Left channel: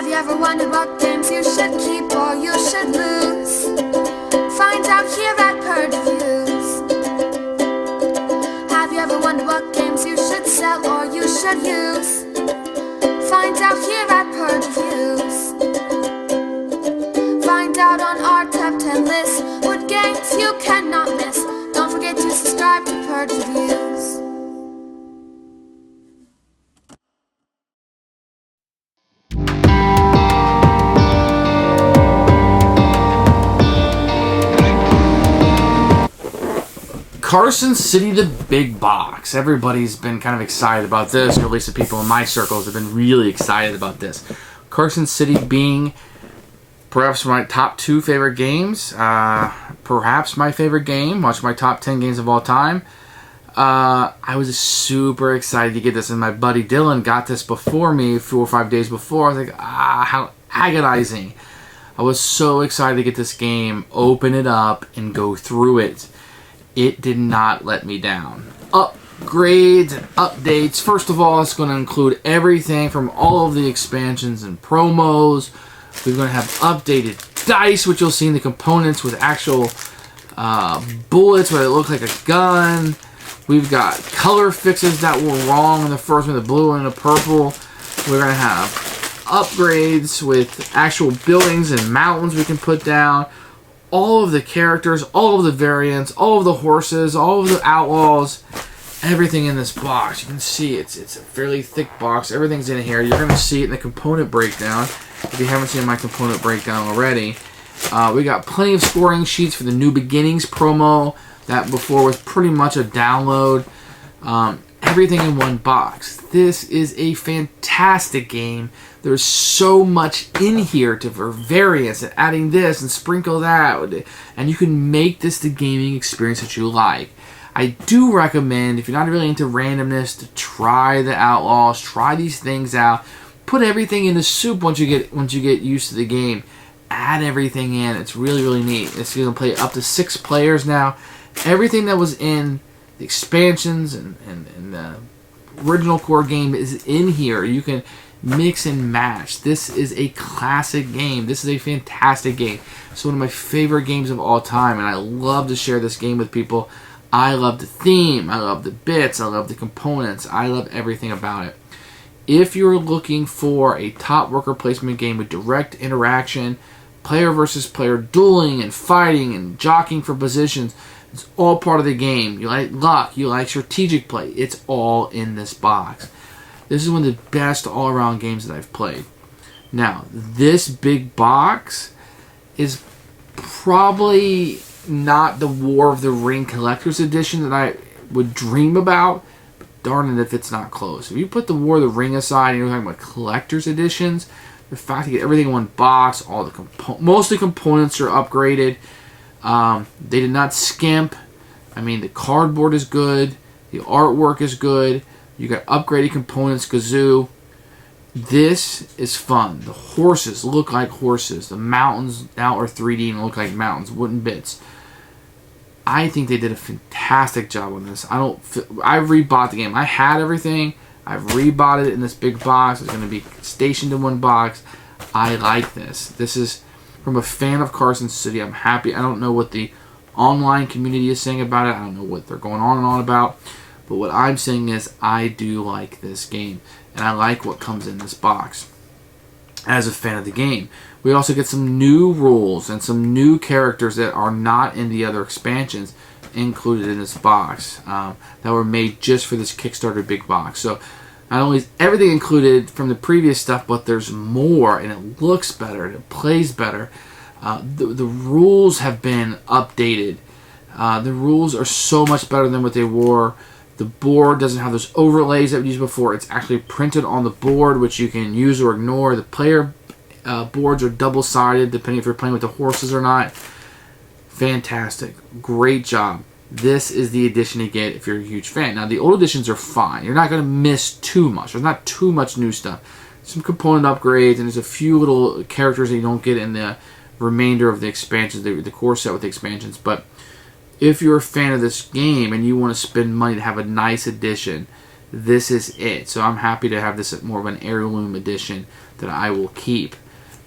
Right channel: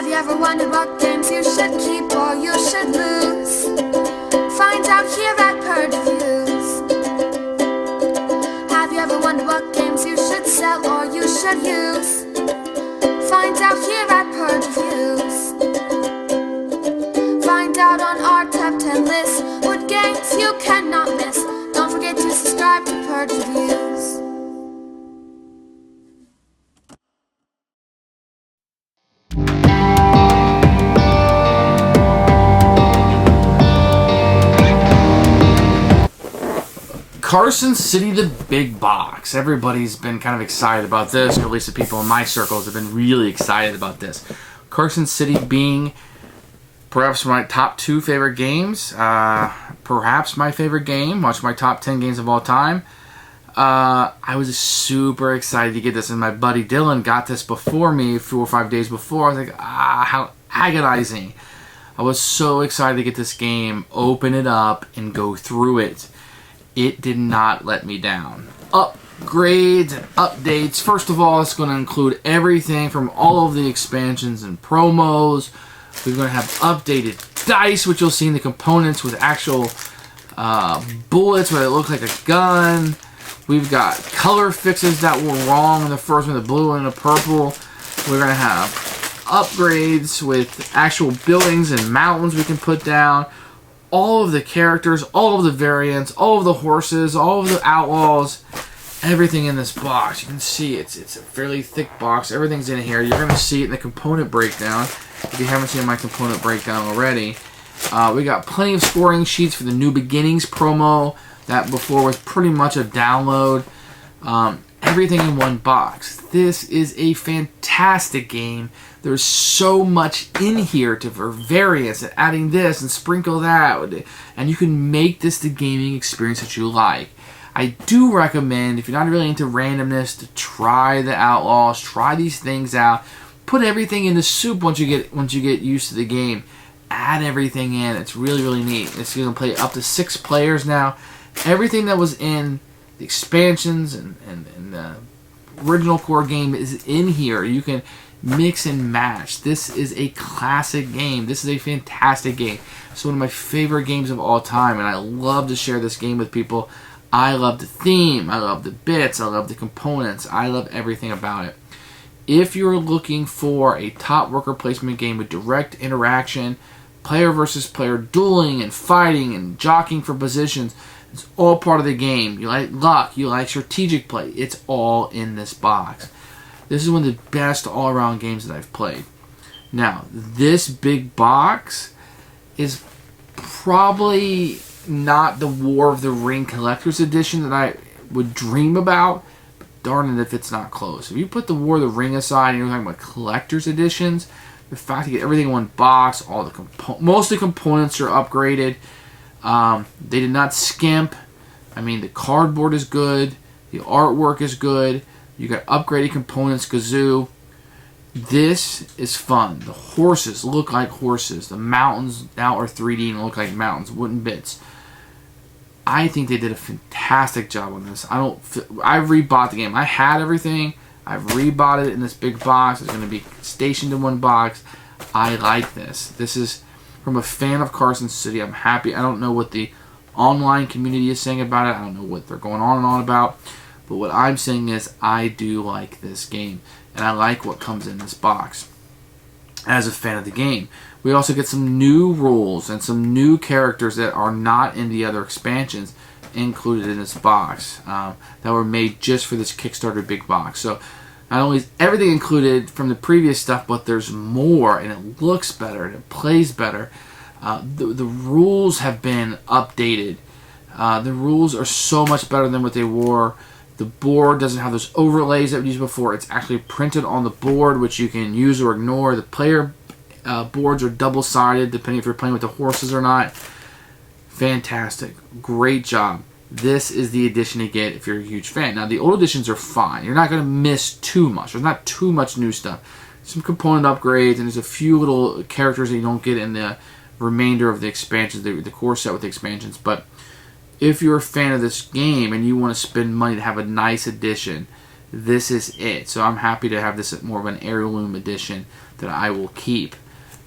Have you ever wondered what games you should keep or you should lose? Find out here at Purge Reviews. Have you ever wondered what games you should sell or you should use? Find out here at Purge Reviews. Find out on our top 10 list what games you cannot miss. Don't forget to subscribe to Purge Reviews. Carson City the Big Box. Everybody's been kind of excited about this, or at least the people in my circles have been really excited about this. Carson City being perhaps my top 2 favorite games, perhaps my favorite game, watch my top 10 games of all time. I was super excited to get this, and my buddy Dylan got this before me 4 or 5 days before. I was like, how agonizing. I was so excited to get this game, open it up, and go through it. It did not let me down. Upgrades and updates. First of all, it's going to include everything from all of the expansions and promos. We're going to have updated dice, which you'll see in the components with actual bullets where they look like a gun. We've got color fixes that were wrong in the first one, the blue and the purple. We're going to have upgrades with actual buildings and mountains we can put down. All of the characters, all of the variants, all of the horses, all of the outlaws, everything in this box. You can see it's a fairly thick box. Everything's in here. You're going to see it in the component breakdown if you haven't seen my component breakdown already. We got plenty of scoring sheets for the New Beginnings promo. That before was pretty much a download. Everything in one box. This is a fantastic game. There's so much in here for variance and adding this and sprinkle that, and you can make this the gaming experience that you like. I do recommend, if you're not really into randomness, to try the Outlaws, try these things out, put everything in the soup once you get used to the game. Add everything in. It's really, really neat. It's going to play up to 6 players now. Everything that was in the expansions and the original core game is in here. You can mix and match. This is a classic game. This is a fantastic game. It's one of my favorite games of all time, and I love to share this game with people. I love the theme. I love the bits. I love the components. I love everything about it. If you're looking for a top worker placement game with direct interaction, player versus player dueling and fighting and jockeying for positions, it's all part of the game. You like luck, you like strategic play. It's all in this box. This is one of the best all-around games that I've played. Now, this big box is probably not the War of the Ring Collector's Edition that I would dream about. But darn it if it's not close. If you put the War of the Ring aside and you're talking about Collector's Editions, the fact you get everything in one box, all the most of the components are upgraded. They did not skimp. I mean, the cardboard is good. The artwork is good. You got upgraded components, kazoo. This is fun. The horses look like horses. The mountains now are 3D and look like mountains, wooden bits. I think they did a fantastic job on this. I rebought the game. I had everything. I've rebought it in this big box. It's going to be stationed in one box. I like this. This is from a fan of Carson City. I'm happy. I don't know what the online community is saying about it. I don't know what they're going on and on about. But what I'm saying is I do like this game. And I like what comes in this box as a fan of the game. We also get some new rules and some new characters that are not in the other expansions included in this box that were made just for this Kickstarter big box. So not only is everything included from the previous stuff, but there's more, and it looks better, and it plays better. The rules have been updated. The rules are so much better than what they were. The board doesn't have those overlays that we used before. It's actually printed on the board, which you can use or ignore. The player boards are double-sided, depending if you're playing with the horses or not. Fantastic. Great job. This is the edition to get if you're a huge fan. Now, the old editions are fine. You're not going to miss too much. There's not too much new stuff. Some component upgrades, and there's a few little characters that you don't get in the remainder of the expansions, the core set with the expansions. But if you're a fan of this game and you want to spend money to have a nice edition, this is it. So I'm happy to have this more of an heirloom edition that I will keep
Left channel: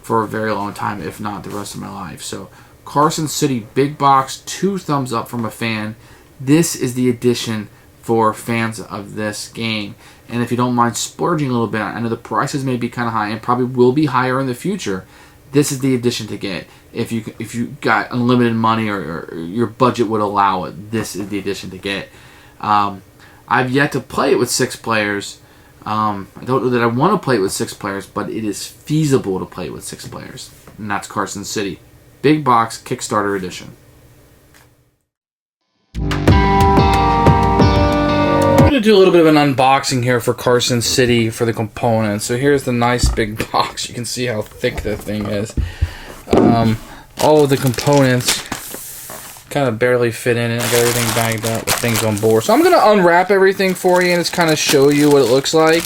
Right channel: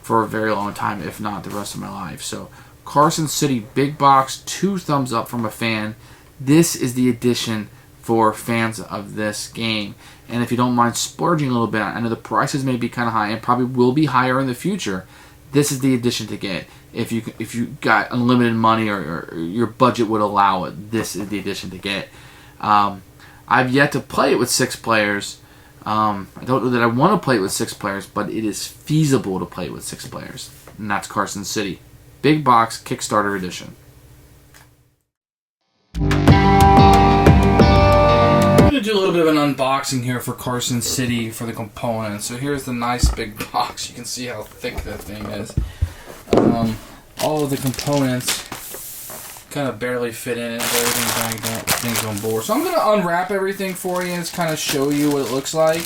for a very long time, if not the rest of my life. So Carson City Big Box, 2 thumbs up from a fan. This is the edition for fans of this game. And if you don't mind splurging a little bit, I know the prices may be kind of high and probably will be higher in the future. This is the edition to get. If you got unlimited money or your budget would allow it, this is the edition to get. I've yet to play it with 6 players. I don't know that I want to play it with 6 players, but it is feasible to play it with 6 players. And that's Carson City Big Box Kickstarter Edition. I'm going to do a little bit of an unboxing here for Carson City for the components. So here's the nice big box. You can see how thick that thing is. All of the components kind of barely fit in it. Everything bagged up, things on board. So I'm going to unwrap everything for you and just kind of show you what it looks like.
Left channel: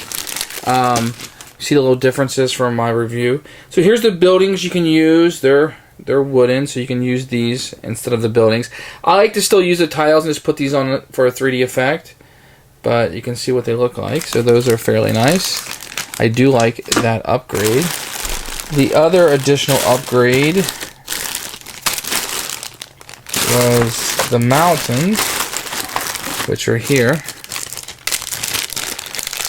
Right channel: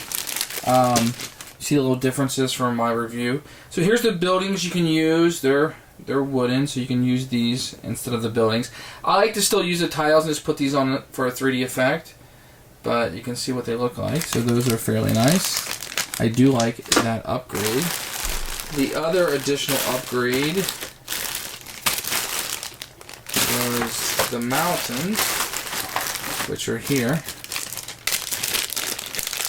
See the little differences from my review. So here's the buildings you can use. They're wooden, so you can use these instead of the buildings. I like to still use the tiles and just put these on for a 3D effect, but you can see what they look like. So those are fairly nice. I do like that upgrade. The other additional upgrade was the mountains, which are here.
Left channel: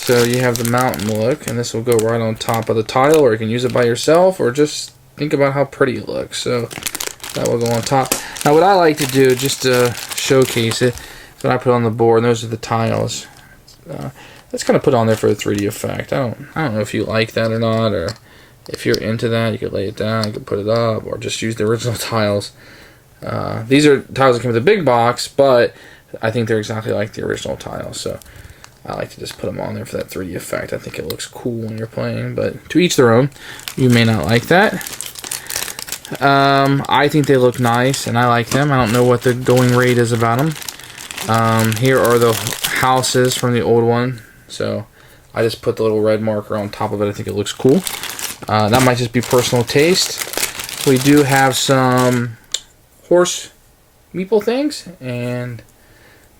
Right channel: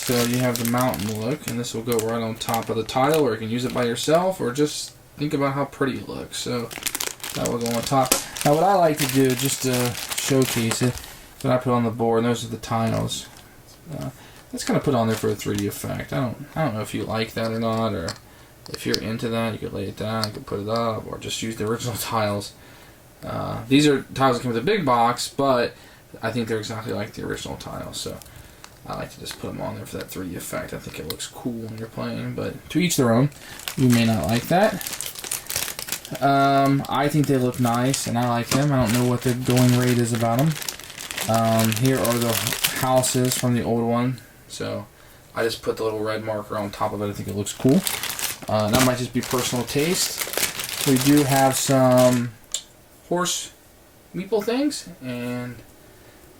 So you have the mountain look, and this will go right on top of the tile, or you can use it by yourself, or just think about how pretty it looks. So that will go on top. Now what I like to do, just to showcase it, is when I put on the board, and those are the tiles. Let's kind of put on there for a 3D effect. I don't know if you like that or not, or if you're into that, you could lay it down, you could put it up, or just use the original tiles. These are tiles that come with a big box, but I think they're exactly like the original tiles, so I like to just put them on there for that 3D effect. I think it looks cool when you're playing, but to each their own. You may not like that. I think they look nice, and I like them. I don't know what the going rate is about them. Here are the houses from the old one, so I just put the little red marker on top of it. I think it looks cool. That might just be personal taste. We do have some horse meeple things, and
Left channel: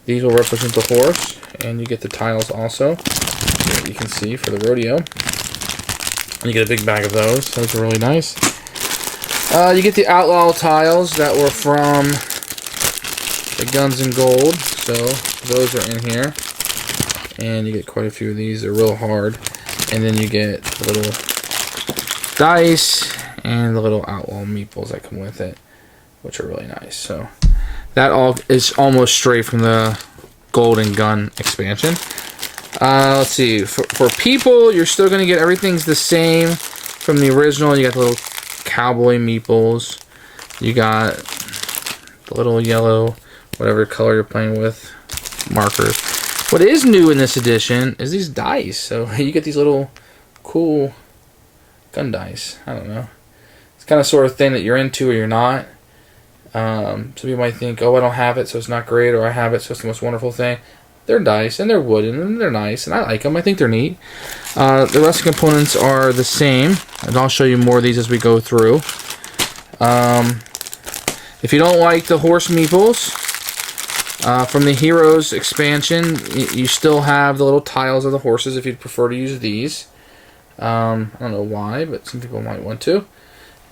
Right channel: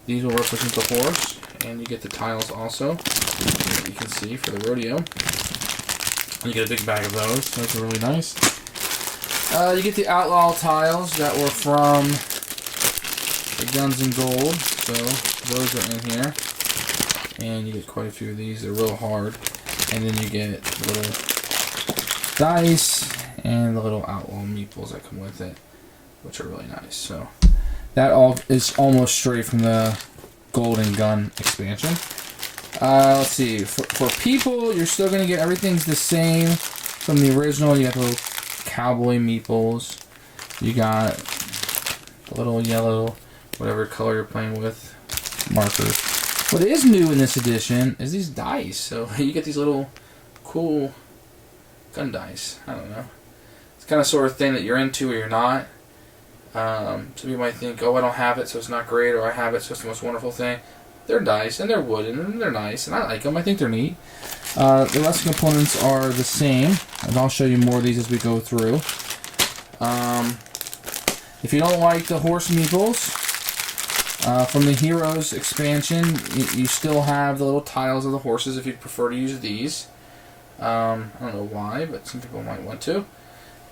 these will represent the horse, and you get the tiles also, that you can see for the rodeo. And you get a big bag of those. Those are really nice. You get the outlaw tiles that were from the Guns and Gold, so those are in here. And you get quite a few of these. They're real hard. And then you get the little dice and the little outlaw meeples that come with it, which are really nice. So that all is almost straight from the Golden Gun expansion. Let's see. For people, you're still going to get everything's the same from the original. You got the little cowboy meeples. You got the little yellow, whatever color you're playing with, markers. What is new in this edition is these dice. So you get these little cool gun dice. I don't know. It's kind of sort of thing that you're into or you're not. Some people might think, oh, I don't have it, so it's not great, or I have it, so it's the most wonderful thing. They're dice, and they're wooden, and they're nice, and I like them. I think they're neat. The rest of the components are the same, and I'll show you more of these as we go through. If you don't like the horse meeples, from the Heroes expansion, you still have the little tiles of the horses if you'd prefer to use these. I don't know why, but some people might want to.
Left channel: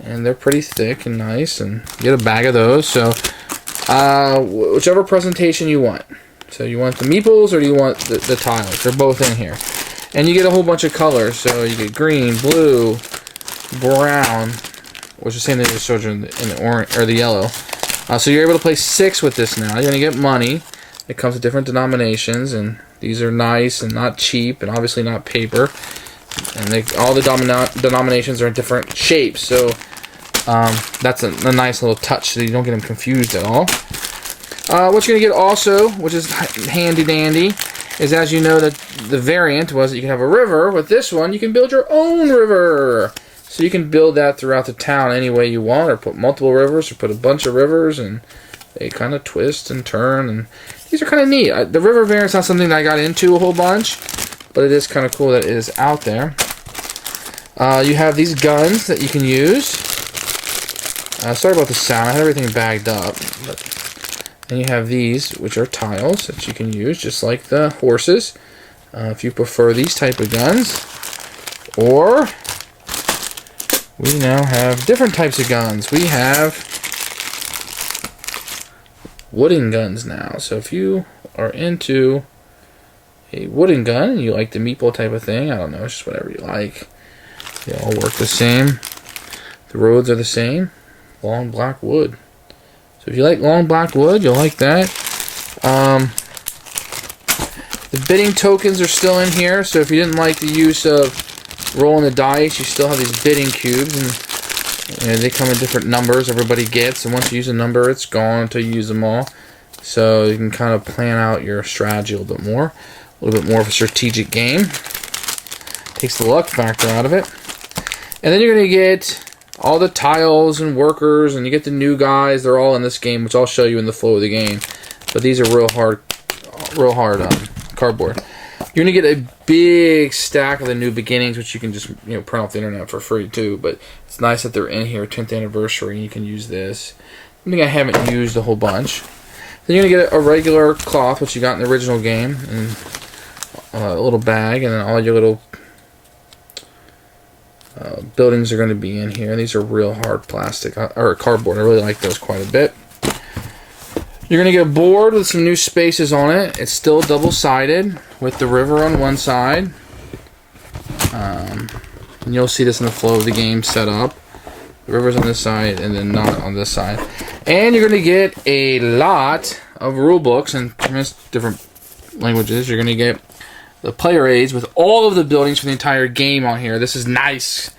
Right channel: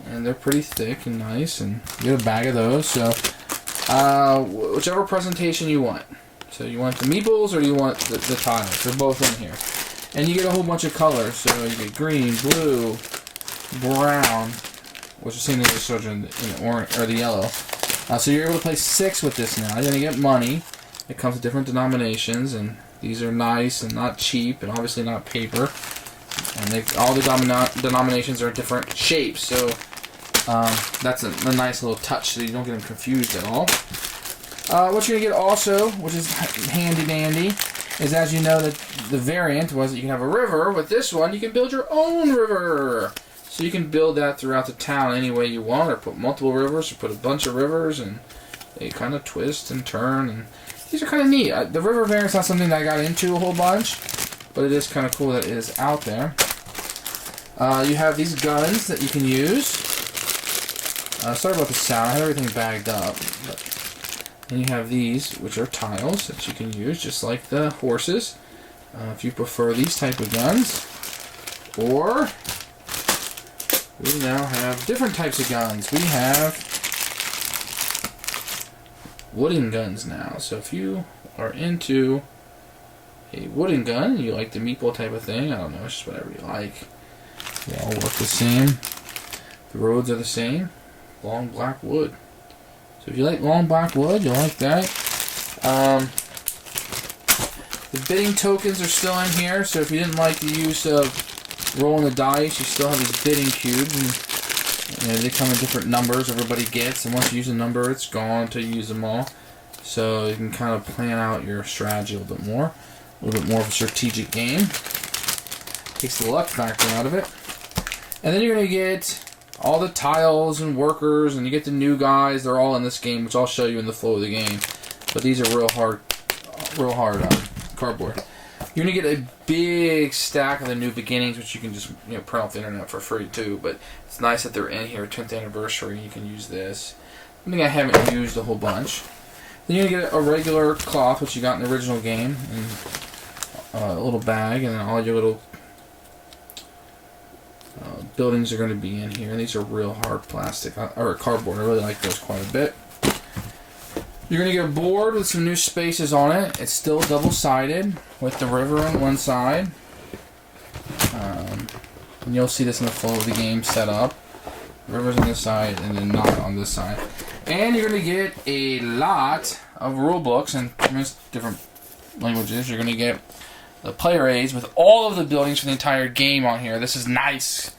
And they're pretty thick and nice, and you get a bag of those. So whichever presentation you want. So you want the meeples or do you want the tiles? They're both in here. And you get a whole bunch of colors. So you get green, blue, brown, which is the same thing we showed you in the orange or the yellow. So you're able to play 6 with this now. You're going to get money. It comes with different denominations, and these are nice and not cheap, and obviously not paper. And all the denominations are in different shapes, so that's a nice little touch so you don't get them confused at all. What you're going to get also, which is handy dandy, is, as you know, the variant was that you can have a river. With this one, you can build your own river. So you can build that throughout the town any way you want, or put multiple rivers, or put a bunch of rivers, and they kind of twist and turn, and these are kind of neat. The river variant's not something that I got into a whole bunch, but it is kind of cool that it is out there. You have these guns that you can use. Sorry about the sound, I had everything bagged up. Then you have these, which are tiles that you can use, just like the horses. if you prefer these type of guns. Or we now have different types of guns. We have wooden guns now. So if you are into a wooden gun and you like the meatball type of thing, I don't know, it's just whatever you like. They all work the same. The roads are the same. Long black wood. So if you like long black wood, you'll like that. The bidding tokens are still in here, so if you didn't like the use of rolling the dice, you still have these bidding cubes, and they come in different numbers everybody gets, and once you use a number, it's gone until you use them all. So you can kind of plan out your strategy a little bit more of a strategic game. Takes the luck factor out of it. And then you're going to get all the tiles and workers, and you get the new guys. They're all in this game, which I'll show you in the flow of the game. But these are real hard cardboard. You're going to get a big stack of the new beginnings, which you can just print off the internet for free too. But it's nice that they're in here, 10th anniversary, and you can use this. I think I haven't used a whole bunch. Then you're going to get a regular cloth, which you got in the original game, and a little bag, and then all your little buildings are going to be in here. These are real hard plastic or cardboard. I really like those quite a bit. You're going to get a board with some new spaces on it. It's still double-sided with the river on one side. And you'll see this in the flow of the game set up. The river's on this side and then not on this side. And you're going to get a lot of rule books in different languages. You're going to get the player aids with all of the buildings for the entire game on here. This is nice.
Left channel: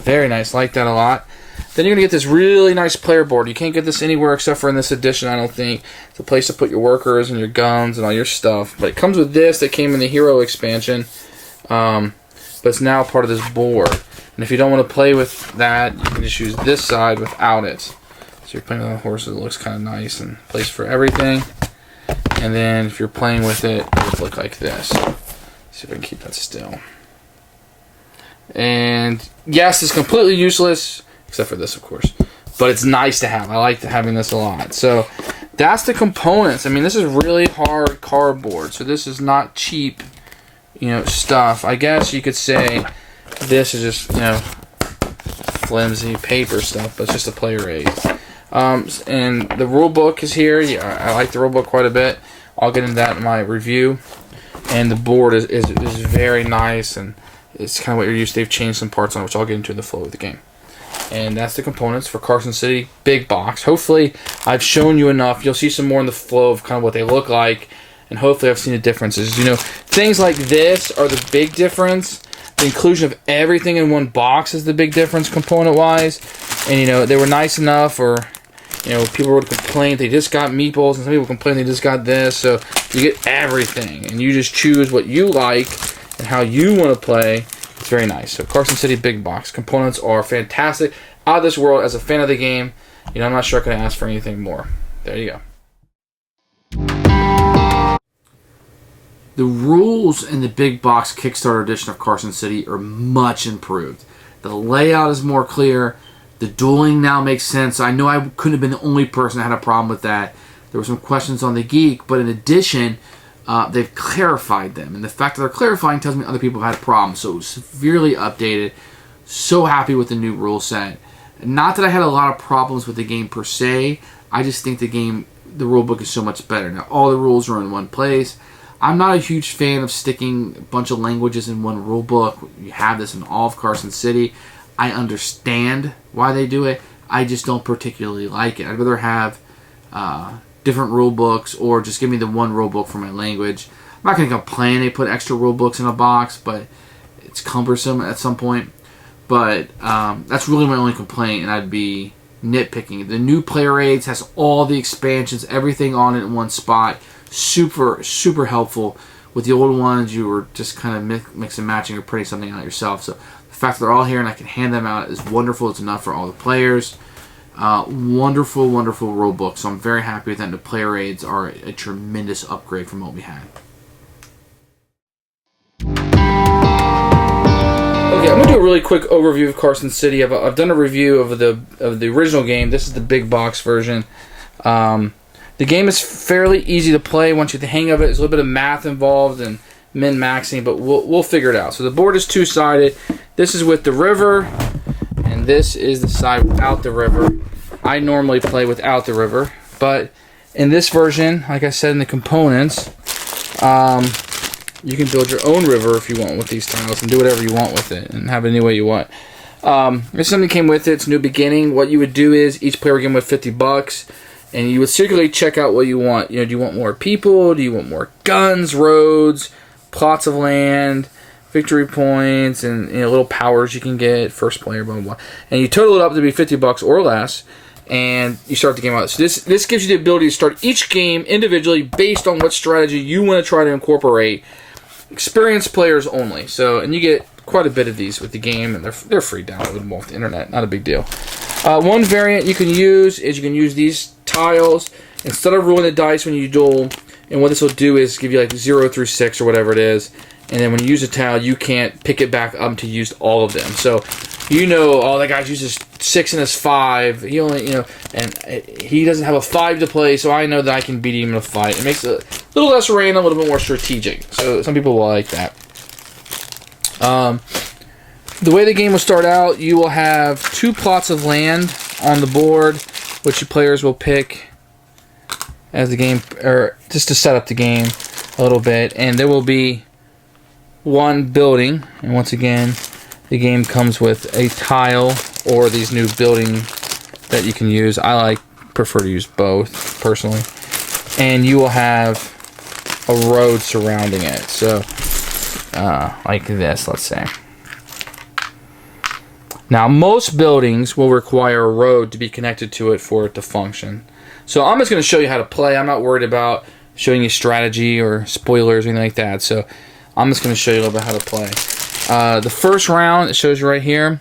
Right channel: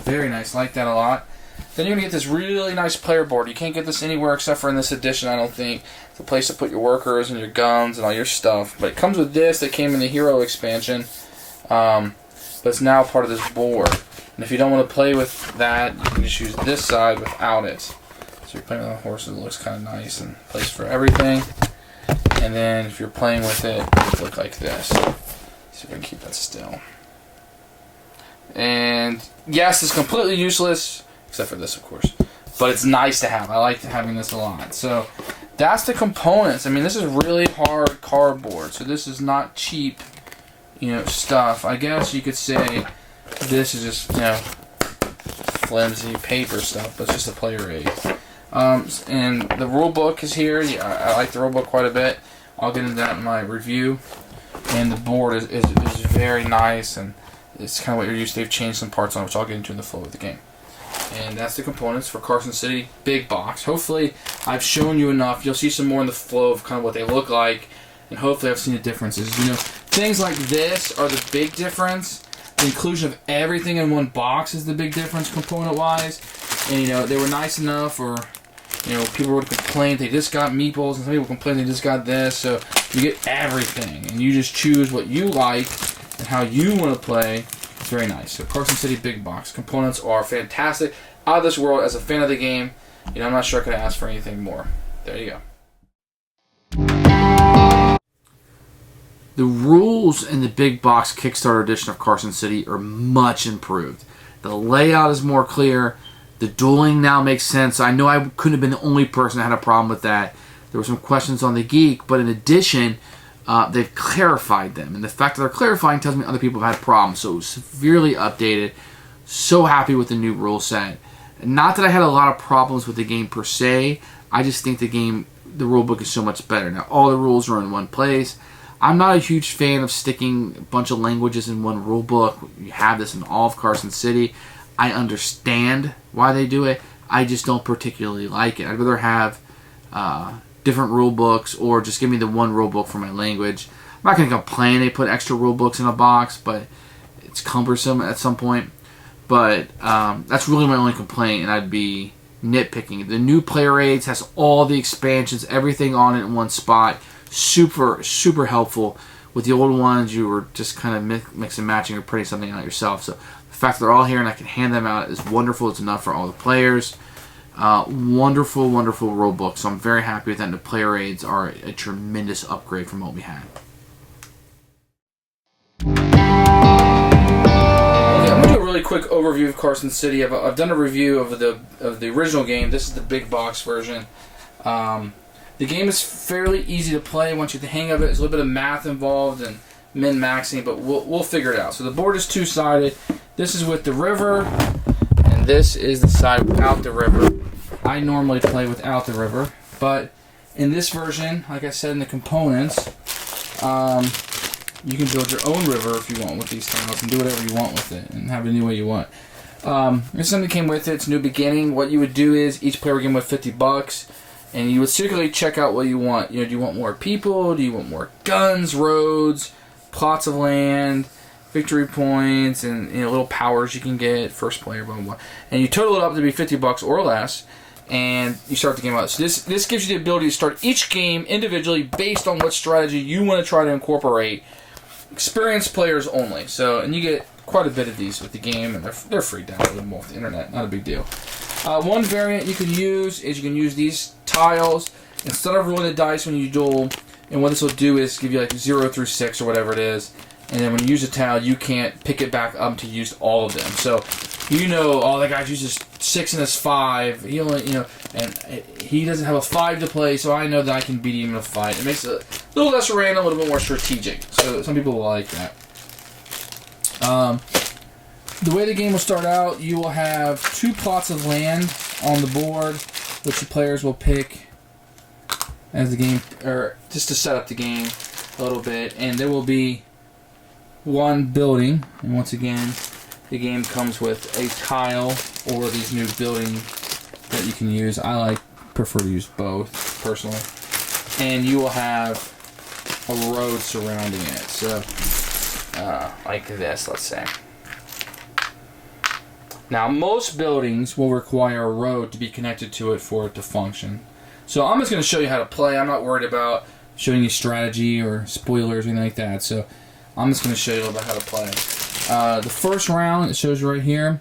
Very nice. Like that a lot. Then you're going to get this really nice player board. You can't get this anywhere except for in this edition, I don't think. It's a place to put your workers and your guns and all your stuff. But it comes with this that came in the Hero expansion. But it's now part of this board. And if you don't want to play with that, you can just use this side without it. So you're playing with horses, it looks kind of nice and place for everything. And then if you're playing with it, it would look like this. See if I can keep that still. And yes, it's completely useless. Except for this, of course. But it's nice to have. I like having this a lot. So that's the components. I mean, this is really hard cardboard. So this is not cheap, stuff. I guess you could say this is just, flimsy paper stuff. But it's just a player aid. And the rule book is here. Yeah, I like the rule book quite a bit. I'll get into that in my review. And the board is very nice. And it's kind of what you're used to. They've changed some parts on it, which I'll get into in the flow of the game. And that's the components for Carson City Big Box. Hopefully, I've shown you enough. You'll see some more in the flow of kind of what they look like. And hopefully, I've seen the differences. Things like this are the big difference. The inclusion of everything in one box is the big difference component-wise. And, they were nice enough, or, people would complain they just got meatballs, and some people complain they just got this. So, you get everything. And you just choose what you like and how you want to play. It's very nice. So Carson City Big Box. Components are fantastic. Out of this world. As a fan of the game, I'm not sure I could ask for anything more. There you go. The rules in the Big Box Kickstarter edition of Carson City are much improved. The layout is more clear. The dueling now makes sense. I know I couldn't have been the only person that had a problem with that. There were some questions on the Geek, but in addition, they've clarified them. And the fact that they're clarifying tells me other people have had problems. So it was severely updated. So happy with the new rule set. Not that I had a lot of problems with the game per se. I just think the rule book is so much better. Now, all the rules are in one place. I'm not a huge fan of sticking a bunch of languages in one rule book. You have this in all of Carson City. I understand why they do it. I just don't particularly like it. I'd rather have different rule books, or just give me the one rule book for my language. I'm not going to complain they put extra rule books in a box, but it's cumbersome at some point. But that's really my only complaint, and I'd be nitpicking. The new player aids has all the expansions, everything on it in one spot. Super, super helpful. With the old ones, you were just kind of mix and matching or printing something out yourself. So the fact that they're all here and I can hand them out is wonderful. It's enough for all the players. Wonderful, wonderful rule book. So I'm very happy with that. And the player aids are a tremendous upgrade from what we had. Okay, I'm gonna do a really quick overview of Carson City. I've done a review of the original game. This is the big box version. The game is fairly easy to play once you get the hang of it. There's a little bit of math involved and min-maxing, but we'll figure it out. So the board is two-sided. This is with the river, and this is the side without the river. I normally play without the river, but in this version, like I said in the components, you can build your own river if you want with these tiles and do whatever you want with it and have it any way you want. There's something came with it. It's New Beginning. What you would do is each player would give them with $50, and you would secretly check out what you want. You know, do you want more people? Do you want more guns, roads, plots of land, victory points, and little powers you can get, first player, blah, blah, blah. And you total it up to be $50 or less, and you start the game out. So this gives you the ability to start each game individually based on what strategy you want to try to incorporate. Experienced players only. So, and you get quite a bit of these with the game, and they're free downloadable off the internet. Not a big deal. One variant you can use is you can use these tiles instead of rolling the dice when you duel. And what this will do is give you like 0 through 6 or whatever it is. And then when you use a tile, you can't pick it back up to use all of them. So, oh, that guy uses 6 and his 5. He only, and he doesn't have a 5 to play, so I know that I can beat him in a fight. It makes it a little less random, a little bit more strategic. So some people will like that. The way the game will start out, you will have 2 plots of land on the board, which the players will pick as the game, or just to set up the game a little bit, and there will be 1 building, and once again, the game comes with a tile or these new building that you can use. I prefer to use both personally, and you will have a road surrounding it. So, like this, let's say. Now, most buildings will require a road to be connected to it for it to function. So I'm just going to show you how to play. I'm not worried about showing you strategy or spoilers or anything like that. So I'm just going to show you a little bit how to play. The first round, it shows you right here,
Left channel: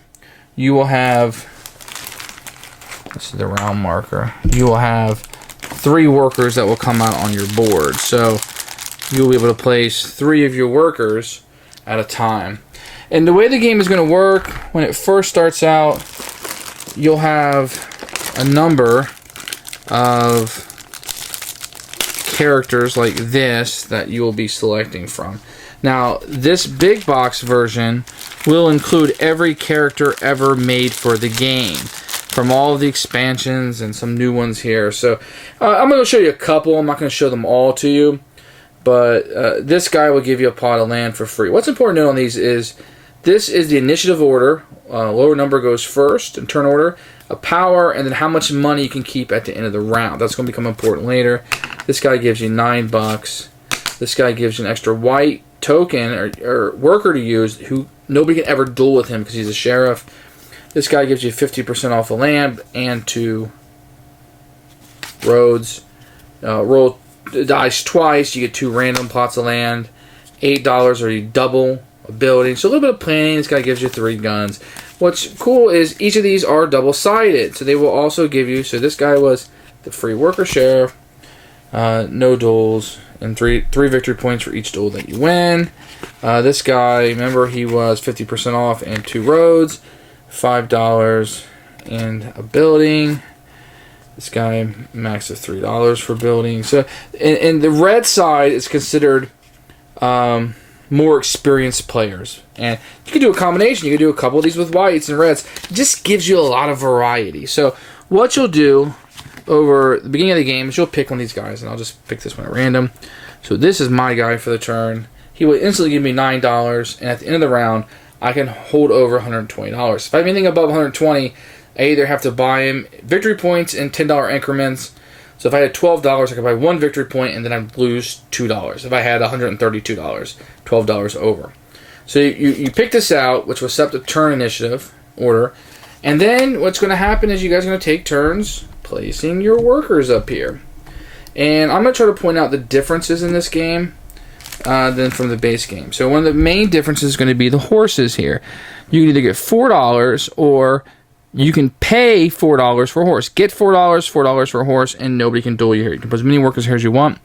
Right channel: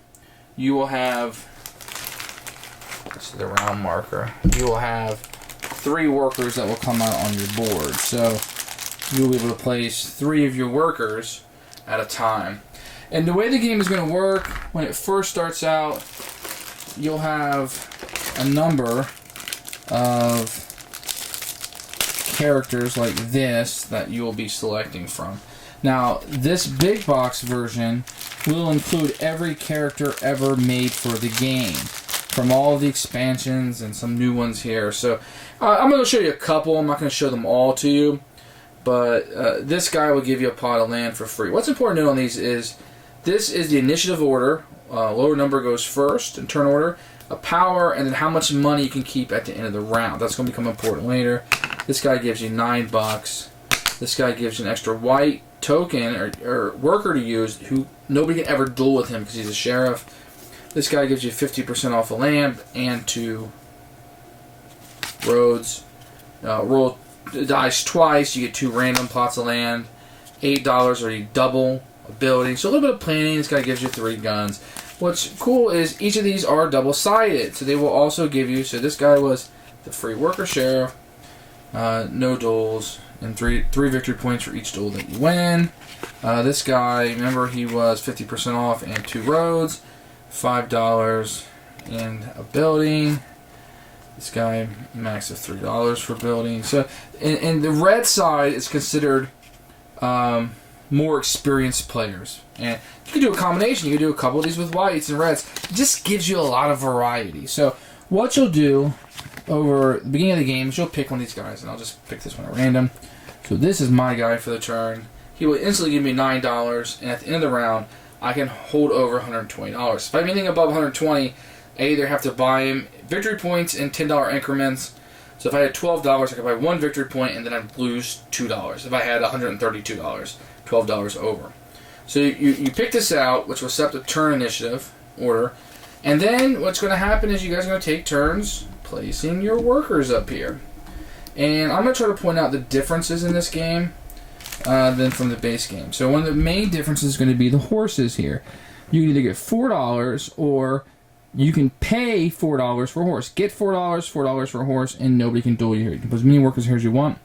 you will have, this is the round marker, you will have 3 workers that will come out on your board. So you'll be able to place 3 of your workers at a time. And the way the game is going to work, when it first starts out, you'll have a number of characters like this that you will be selecting from. Now, this big box version will include every character ever made for the game, from all of the expansions and some new ones here. So I'm going to show you a couple. I'm not going to show them all to you, but this guy will give you a plot of land for free. What's important to know on these is this is the initiative order. Lower number goes first in turn order, a power, and then how much money you can keep at the end of the round. That's going to become important later. This guy gives you $9. This guy gives you an extra white token or worker to use who nobody can ever duel with him because he's a sheriff. This guy gives you 50% off the land and 2 roads. Roll the dice twice, you get 2 random plots of land. $8 or you double a building. So a little bit of planning. This guy gives you 3 guns. What's cool is each of these are double-sided, so they will also give you, so this guy was the free worker sheriff, no duels, and 3 victory points for each duel that you win. This guy, remember, he was 50% off and 2 roads, $5 and a building. This guy max of $3 for building. So, and the red side is considered more experienced players. And you can do a combination. You can do a couple of these with whites and reds. It just gives you a lot of variety. So what you'll do over the beginning of the game is you'll pick one of these guys, and I'll just pick this one at random. So this is my guy for the turn. He will instantly give me $9, and at the end of the round, I can hold over $120. If I have anything above $120, I either have to buy him victory points in $10 increments. So if I had $12, I could buy 1 victory point, and then I'd lose $2. If I had $132, $12 over. So you pick this out, which will set the turn initiative order, and then what's going to happen is you guys are going to take turns placing your workers up here. And I'm going to try to point out the differences in this game than from the base game. So one of the main differences is going to be the horses here. You can either get $4 or you can pay $4 for a horse. Get $4 for a horse, and nobody can duel you here. You can put as many workers here as you want.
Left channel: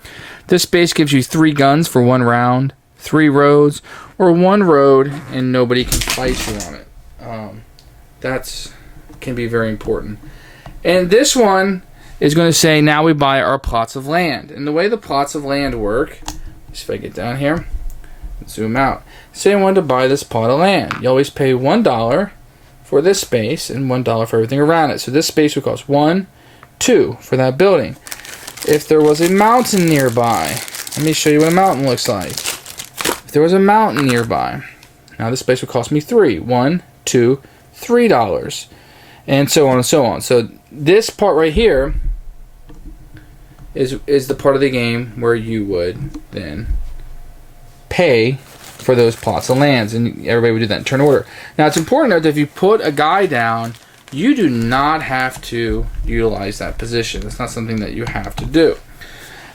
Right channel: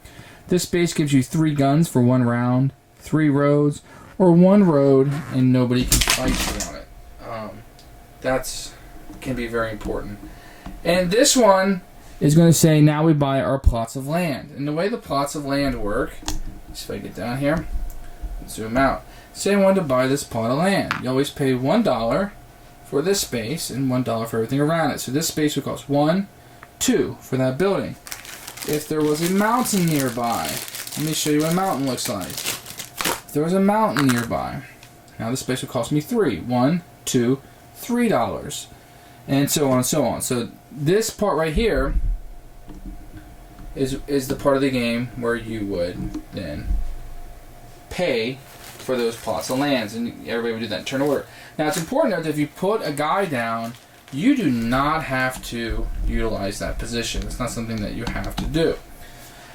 This base gives you 3 guns for 1 round, 3 roads, or 1 road, and nobody can fight you on it. That can be very important. And this one is going to say, now we buy our plots of land. And the way the plots of land work, let's see if I get down here. zoom out. Say I wanted to buy this plot of land. You always pay $1 for this space and $1 for everything around it. So this space would cost $1, $2 for that building. If there was a mountain nearby, let me show you what a mountain looks like. If there was a mountain nearby, now this space would cost me $3, $1, $2, $3, and so on and so on. So this part right here is the part of the game where you would then pay for those plots of lands, and everybody would do that in turn order. Now it's important to note that if you put a guy down, you do not have to utilize that position. It's not something that you have to do.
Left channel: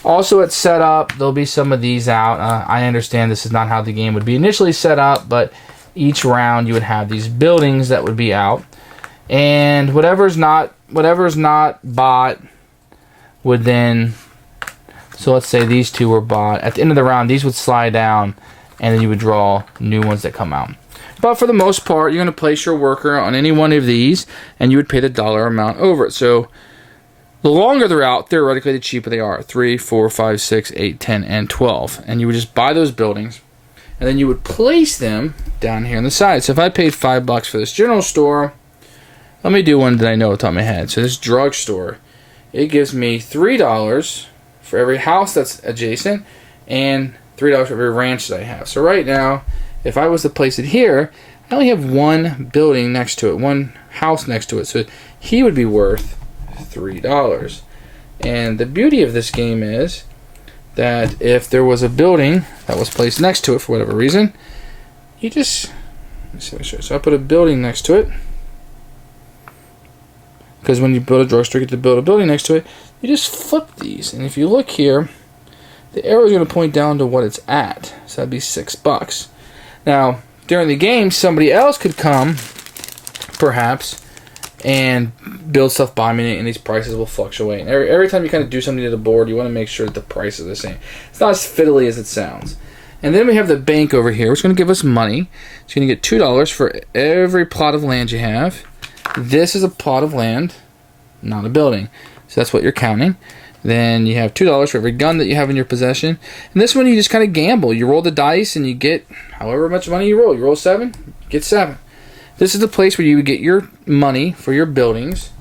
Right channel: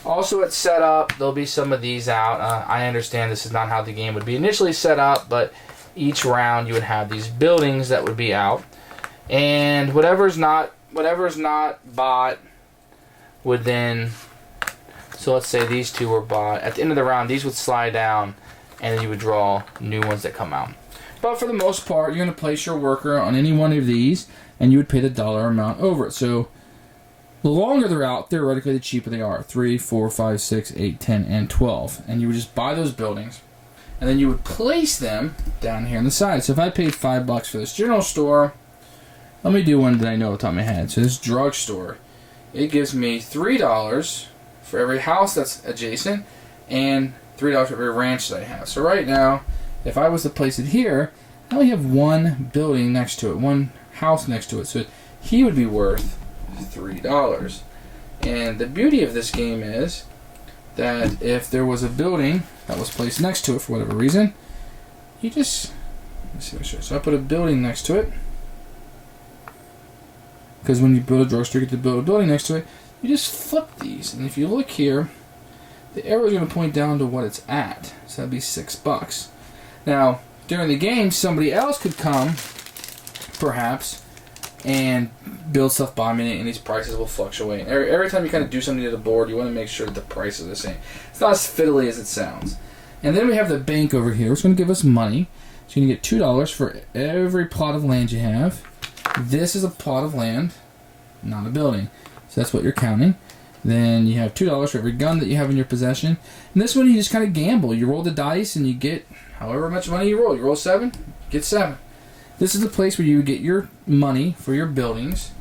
Also at setup, there'll be some of these out. I understand this is not how the game would be initially set up, but each round you would have these buildings that would be out, and whatever's not bought would then, so let's say these two were bought. At the end of the round, these would slide down, and then you would draw new ones that come out. But for the most part, you're going to place your worker on any one of these, and you would pay the dollar amount over it. So the longer they're out, theoretically, the cheaper they are. 3, 4, 5, 6, 8, 10, and 12. And you would just buy those buildings, and then you would place them down here on the side. So if I paid $5 for this general store, let me do one that I know off the top of my head. So this drugstore, it gives me $3 for every house that's adjacent, and $3 for every ranch that I have. So right now, if I was to place it here, I only have one building next to it, one house next to it. So he would be worth $3. And the beauty of this game is that if there was a building that was placed next to it for whatever reason, you just, so I put a building next to it, because when you build a drugstore, you get to build a building next to it. You just flip these, and if you look here, the arrow is going to point down to what it's at. So that'd be $6. Now, during the game, somebody else could come, perhaps, and build stuff by me, and these prices will fluctuate. And every time you kind of do something to the board, you want to make sure that the price is the same. It's not as fiddly as it sounds. And then we have the bank over here, which is going to give us money. So you're going to get $2 for every plot of land you have. This is a plot of land, not a building. So that's what you're counting. Then you have $2 for every gun that you have in your possession. And this one you just kind of gamble. You roll the dice and you get however much money you roll. You roll 7, get 7. This is the place where you would get your money for your buildings.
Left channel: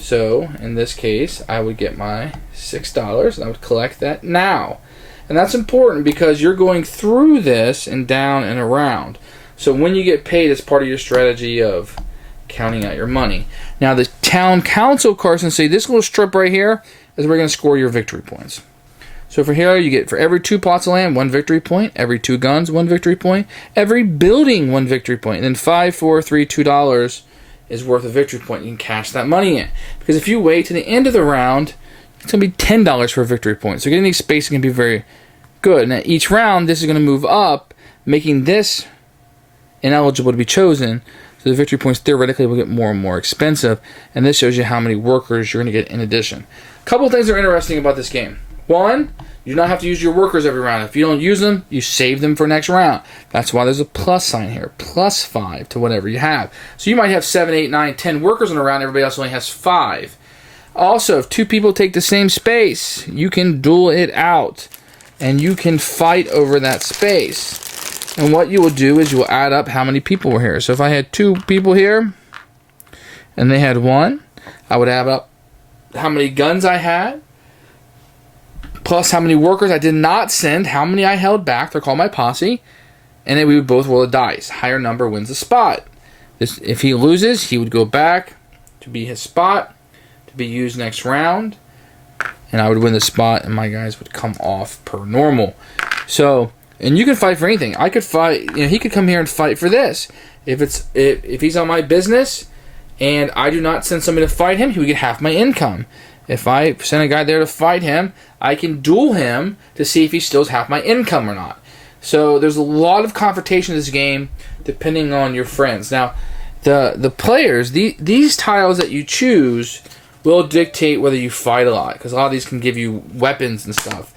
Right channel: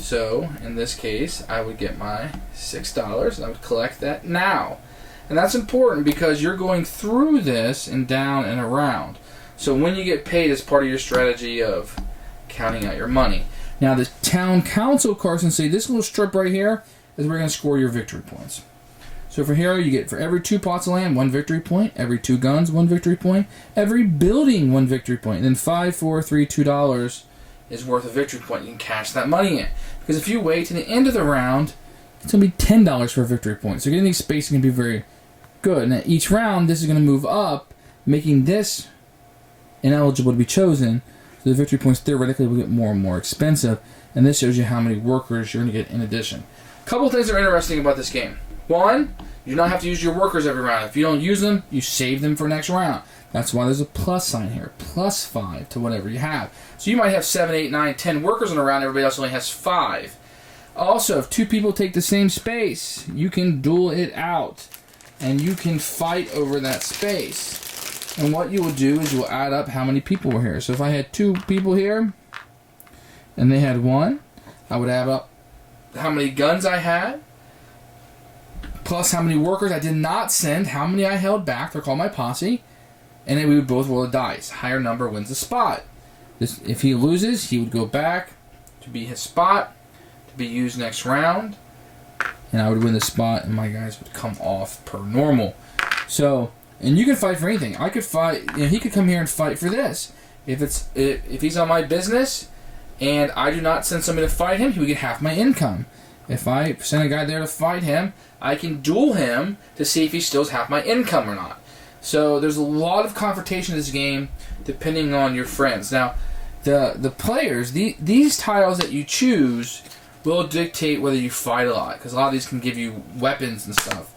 So in this case, I would get my $6 and I would collect that now. And that's important because you're going through this and down and around. So when you get paid, it's part of your strategy of counting out your money. Now the town council, Carson City, this little strip right here is where you're going to score your victory points. So for here, you get for every 2 plots of land, 1 victory point. Every 2 guns, 1 victory point. Every building, 1 victory point. And then 5, 4, 3, $2 is worth a victory point. You can cash that money in. Because if you wait to the end of the round, it's going to be $10 for a victory point. So getting these spaces can be very good. And at each round, this is going to move up, making this ineligible to be chosen. So the victory points theoretically will get more and more expensive. And this shows you how many workers you're going to get in addition. A couple of things that are interesting about this game. One, you do not have to use your workers every round. If you don't use them, you save them for next round. That's why there's a plus sign here. Plus 5 to whatever you have. So you might have 7, 8, 9, 10 workers in a round. Everybody else only has 5. Also, if 2 people take the same space, you can duel it out. And you can fight over that space. And what you will do is you will add up how many people were here. So if I had 2 people here, and they had 1, I would add up how many guns I had, plus how many workers I did not send, how many I held back. They're called my posse. And then we would both roll the dice. Higher number wins the spot. If he loses, he would go back to be his spot, to be used next round. And I would win the spot, and my guys would come off per normal. So, and you can fight for anything. I could fight, he could come here and fight for this. If he's on my business, and I do not send somebody to fight him, he would get half my income. If I send a guy there to fight him, I can duel him to see if he still has half my income or not. So there's a lot of confrontation in this game depending on your friends. Now, the players, these tiles that you choose will dictate whether you fight a lot, because a lot of these can give you weapons and stuff.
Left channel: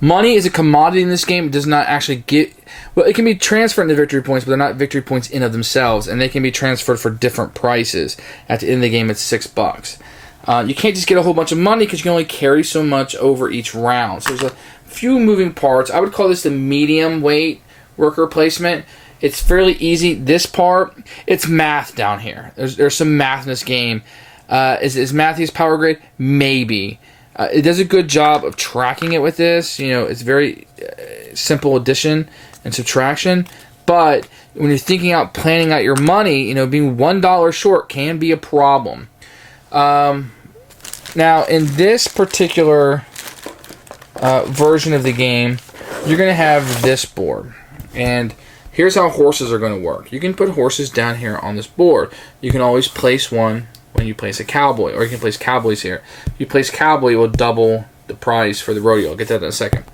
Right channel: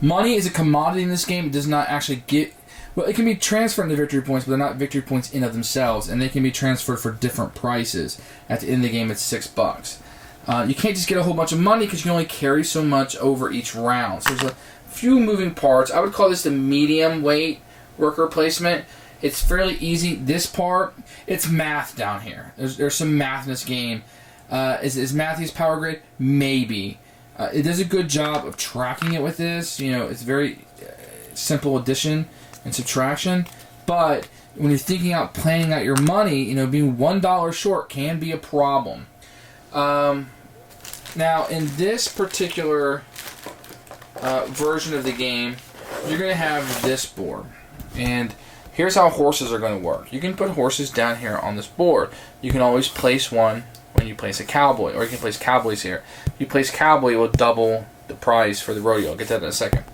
Money is a commodity in this game. It does not actually get... Well, it can be transferred into victory points, but they're not victory points in of themselves, and they can be transferred for different prices. At the end of the game, it's $6. You can't just get a whole bunch of money because you can only carry so much over each round. So there's a few moving parts. I would call this the medium weight worker placement. It's fairly easy. This part, it's math down here. There's some math in this game. Is Matthew's power grade? Maybe. It does a good job of tracking it with this. It's very simple addition and subtraction. But when you're planning out your money, being $1 short can be a problem. Now, in this particular version of the game, you're going to have this board. And here's how horses are going to work. You can put horses down here on this board. You can always place one when you place a cowboy, or you can place cowboys here. If you place cowboy, it will double the price for the rodeo. I'll get that in a second.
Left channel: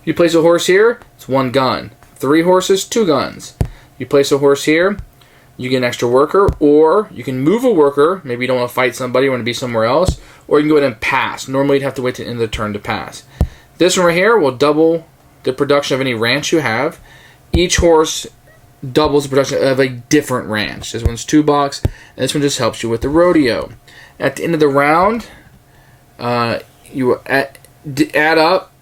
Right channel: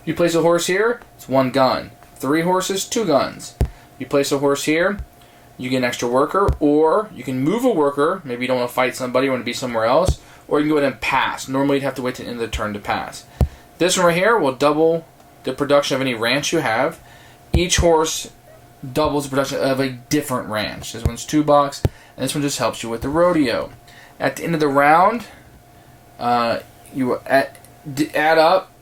If you place a horse here, it's 1 gun. 3 horses, 2 guns. You place a horse here, you get an extra worker, or you can move a worker. Maybe you don't want to fight somebody, you want to be somewhere else, or you can go ahead and pass. Normally you'd have to wait to the end of the turn to pass. This one right here will double the production of any ranch you have. Each horse doubles the production of a different ranch. This one's $2, and this one just helps you with the rodeo. At the end of the round, you add up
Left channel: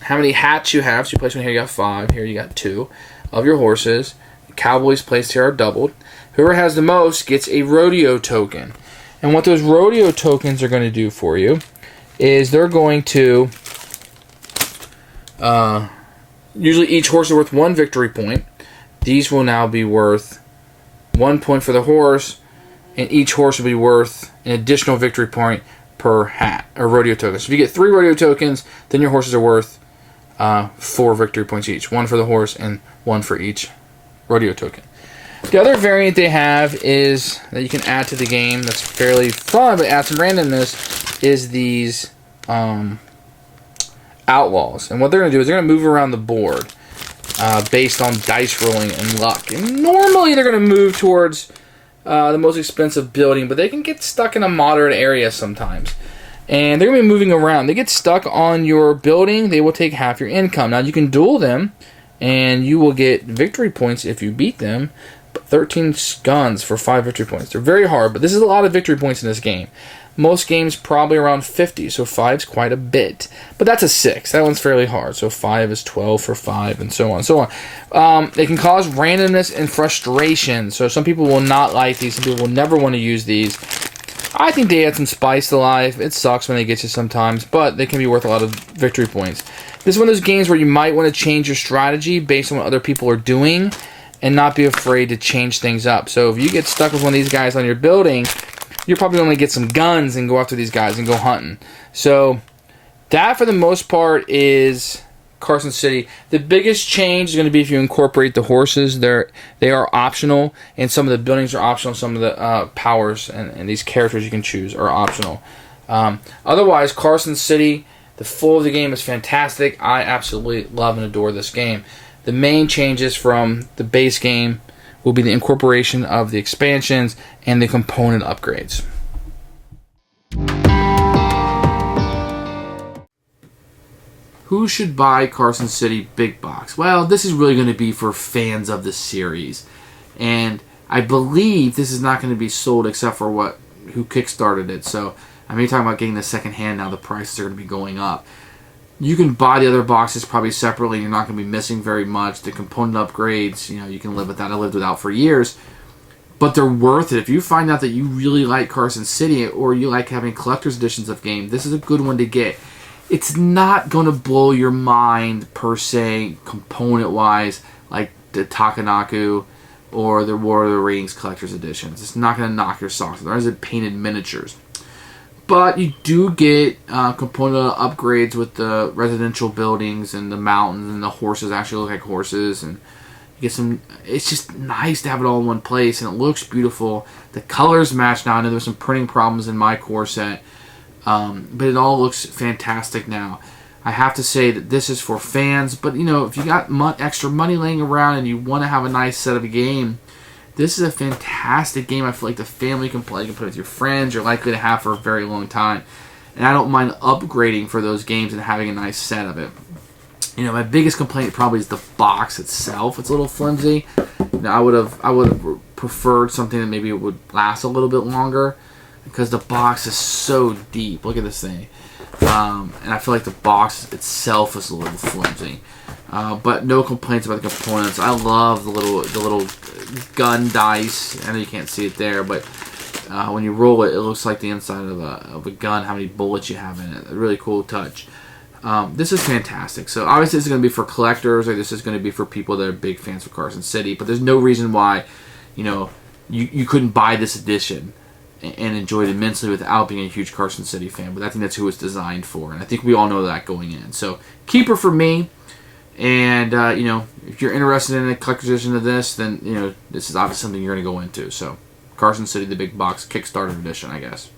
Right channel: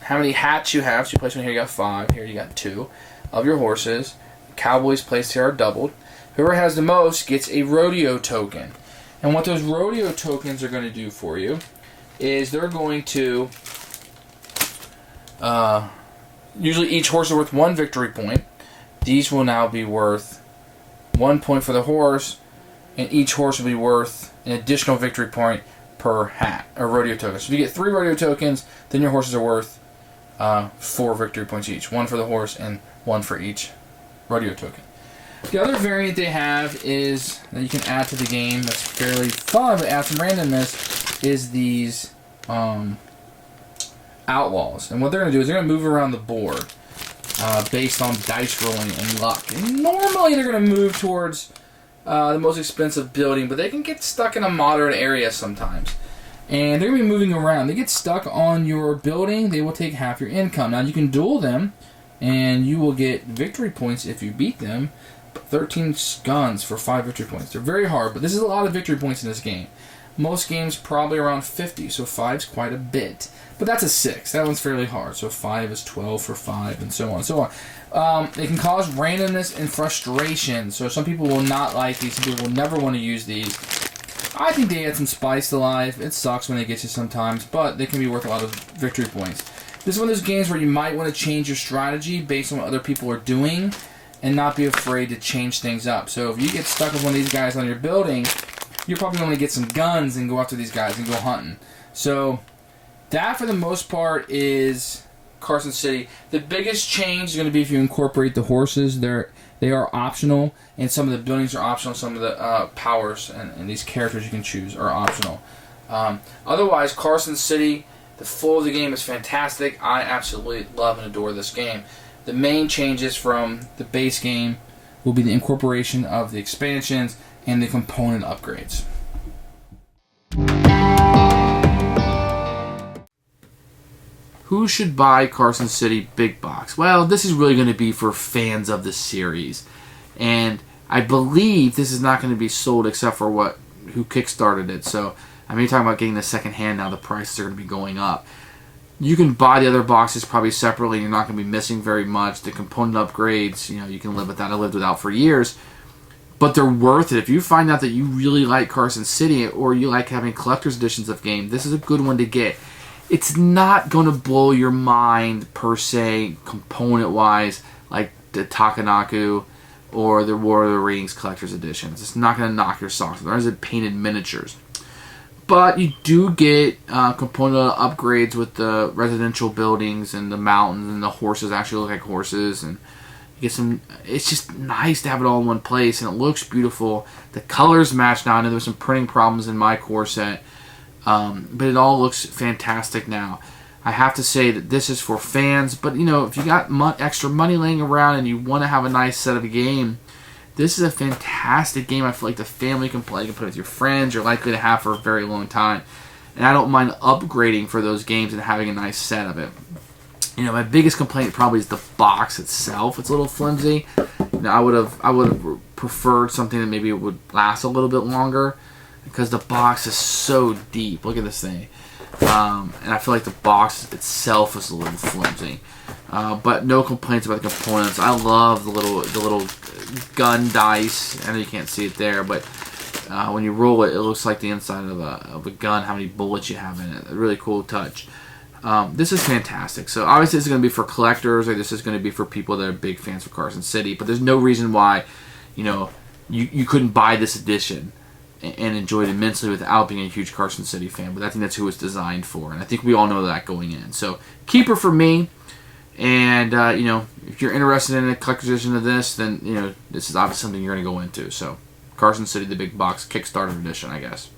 how many hats you have. So you place one here, you got 5. Here you got 2 of your horses. Cowboys placed here are doubled. Whoever has the most gets a rodeo token. And what those rodeo tokens are going to do for you is they're going to... usually each horse is worth 1 victory point. These will now be worth 1 point for the horse, and each horse will be worth an additional victory point per hat, or rodeo token. So if you get 3 rodeo tokens, then your horses are worth 4 victory points each. 1 for the horse and 1 for each rodeo token. The other variant they have is that you can add to the game that's fairly fun, but adds some randomness, is these outlaws. And what they're going to do is they're going to move around the board based on dice rolling and luck. And normally they're going to move towards the most expensive building, but they can get stuck in a moderate area sometimes. And they're going to be moving around. They get stuck on your building, they will take half your income. Now you can duel them, and you will get victory points if you beat them. But 13 guns for 5 victory points. They're very hard, but this is a lot of victory points in this game. Most games probably around 50, so 5 is quite a bit. But that's a 6. That one's fairly hard. So 5 is 12 for 5, and so on and so on. They can cause randomness and frustration. So some people will not like these. Some people will never want to use these. I think they add some spice to life. It sucks when they get you sometimes, but they can be worth a lot of victory points. This is one of those games where you might want to change your strategy based on what other people are doing and not be afraid to change things up. So if you get stuck with one of these guys on your building, you're probably going to get some guns and go after these guys and go hunting. So that, for the most part, is Carson City. The biggest change is going to be if you incorporate the horses. They are optional, and some of the buildings are optional. Some of the powers and these characters you can choose are optional. Otherwise, Carson City, the flow of the game is fantastic. I absolutely love and adore this game. The main changes from the base game will be the incorporation of the expansions and the component upgrades. Who should buy Carson City Big Box? Well, this is really going to be for fans of the series. And I believe this is not going to be sold except for who kickstarted it. So I'm talking about getting the second hand now. The prices are going to be going up. You can buy the other boxes probably separately. You're not going to be missing very much. The component upgrades, you can live without. I lived without for years. But they're worth it. If you find out that you really like Carson City or you like having collector's editions of game, this is a good one to get. It's not going to blow your mind per se, component-wise, like the Takanaku or the War of the Rings collector's editions. It's not going to knock your socks off. There's painted miniatures. But you do get component upgrades with the residential buildings and the mountains, and the horses actually look like horses, and you get some. It's just nice to have it all in one place, and it looks beautiful. The colors match now. I know there's some printing problems in my core set, but it all looks fantastic now. I have to say that this is for fans, but if you got extra money laying around and you want to have a nice set of a game, this is a fantastic game. I feel like the family can play. You can play with your friends. You're likely to have for a very long time. And I don't mind upgrading for those games and having a nice set of it. My biggest complaint probably is the box itself. It's a little flimsy. I would have preferred something that maybe would last a little bit longer. because the box is so deep. Look at this thing. And I feel like the box itself is a little flimsy. But no complaints about the components. I love the little gun dice. I know you can't see it there, but when you roll it, it looks like the inside of a gun, how many bullets you have in it. A really cool touch. This is fantastic. So obviously this is going to be for collectors, or this is going to be for people that are big fans of Carson City, but there's no reason why, you couldn't buy this edition and enjoy it immensely without being a huge Carson City fan. But I think that's who it's designed for, and I think we all know that going in. So keeper for me. And if you're interested in a collector's edition of this, then this is obviously something you're going to go into. So Carson City, the Big Box Kickstarter edition, I guess.